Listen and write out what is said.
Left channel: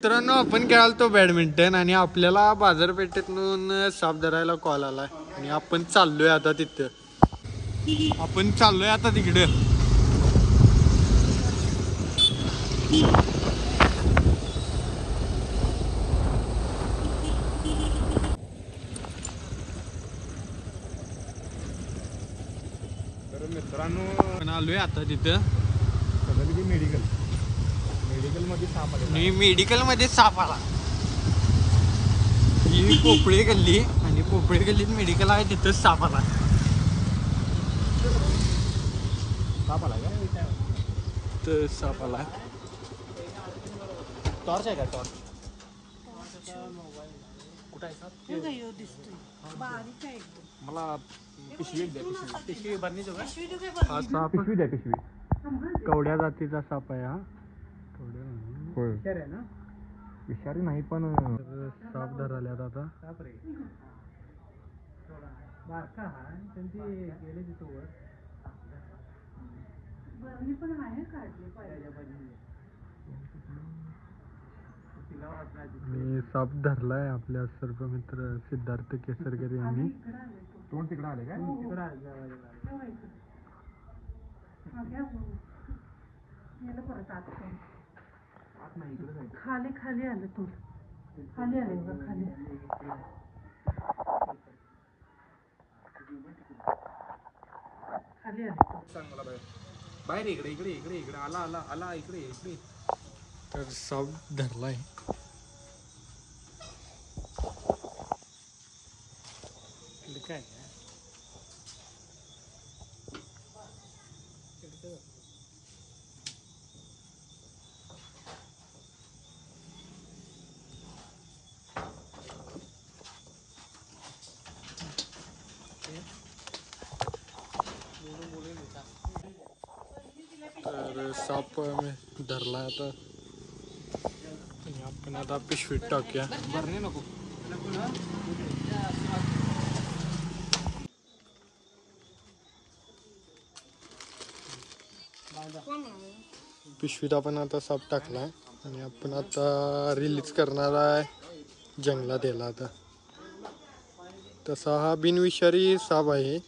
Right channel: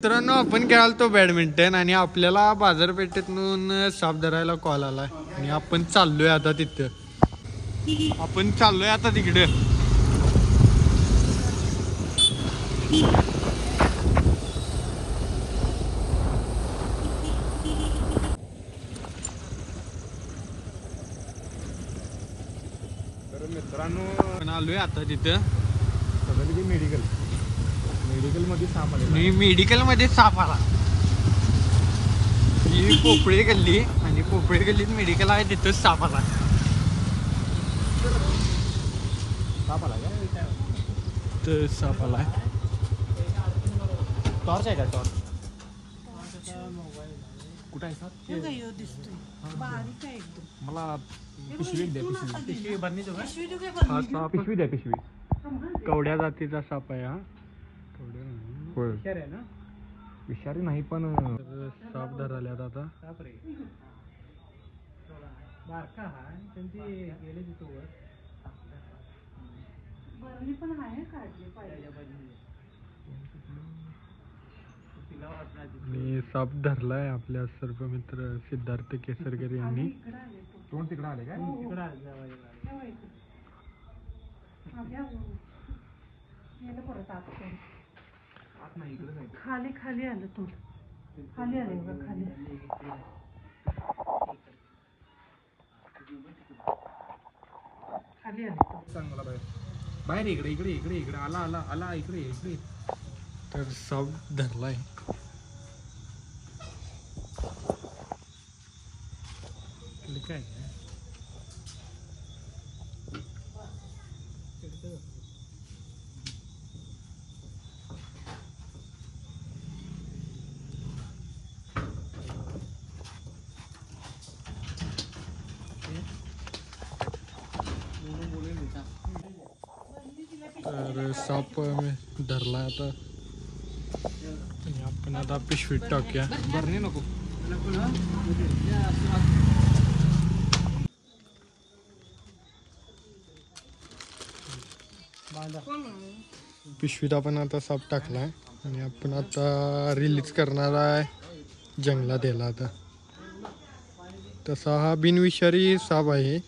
मित्रांनो आपण खेळालतो बॅडमिंटन आणि आपल्याला बाजारपेठेतून साप धरायला कॉल आला आणि आपण चाललोय आता तिथे तिकडे तर मित्रांनो आलोय आता तिथं सगळं मेडिकल मध्ये साप आले. मी मेडिकल मध्ये साप आला. मी पोपळे गल्ली आणि पोपळे गल्लीत मेडिकल आहे तिथंच साप आला. साप आला का? तर साप आला. टॉर्च आहे का? कुठं आहे साप? मला पिशवी द्या. पिशवी बरणीचं का? हा साप पिशवी द्या. पिशवी कवड्या जातीचा साप आहे. हा विषारी आहे ना? विषारी नाही पण साप धराल्यात आता. आणि साप धरलाय आपल्या सर्व मित्र सिद्धार्थ केसरकर यांनी. तोंड तिकडे आले काय? खाली खाली आलं तू खाली आले बघा खाली खाली आले. सांग मला बाहेर इकडे आला इकडे. तर साप धरलाय. काय तर साप धरलाय आता. आणि आपण आता पिशवीत टाकूया. बरणी नको. पिशवीत आपण आता साप टाकलाय आणि आपण आता रिलीज करणार आहे जंगलात याला. आता तसा हा बिनविषारी साप आहे.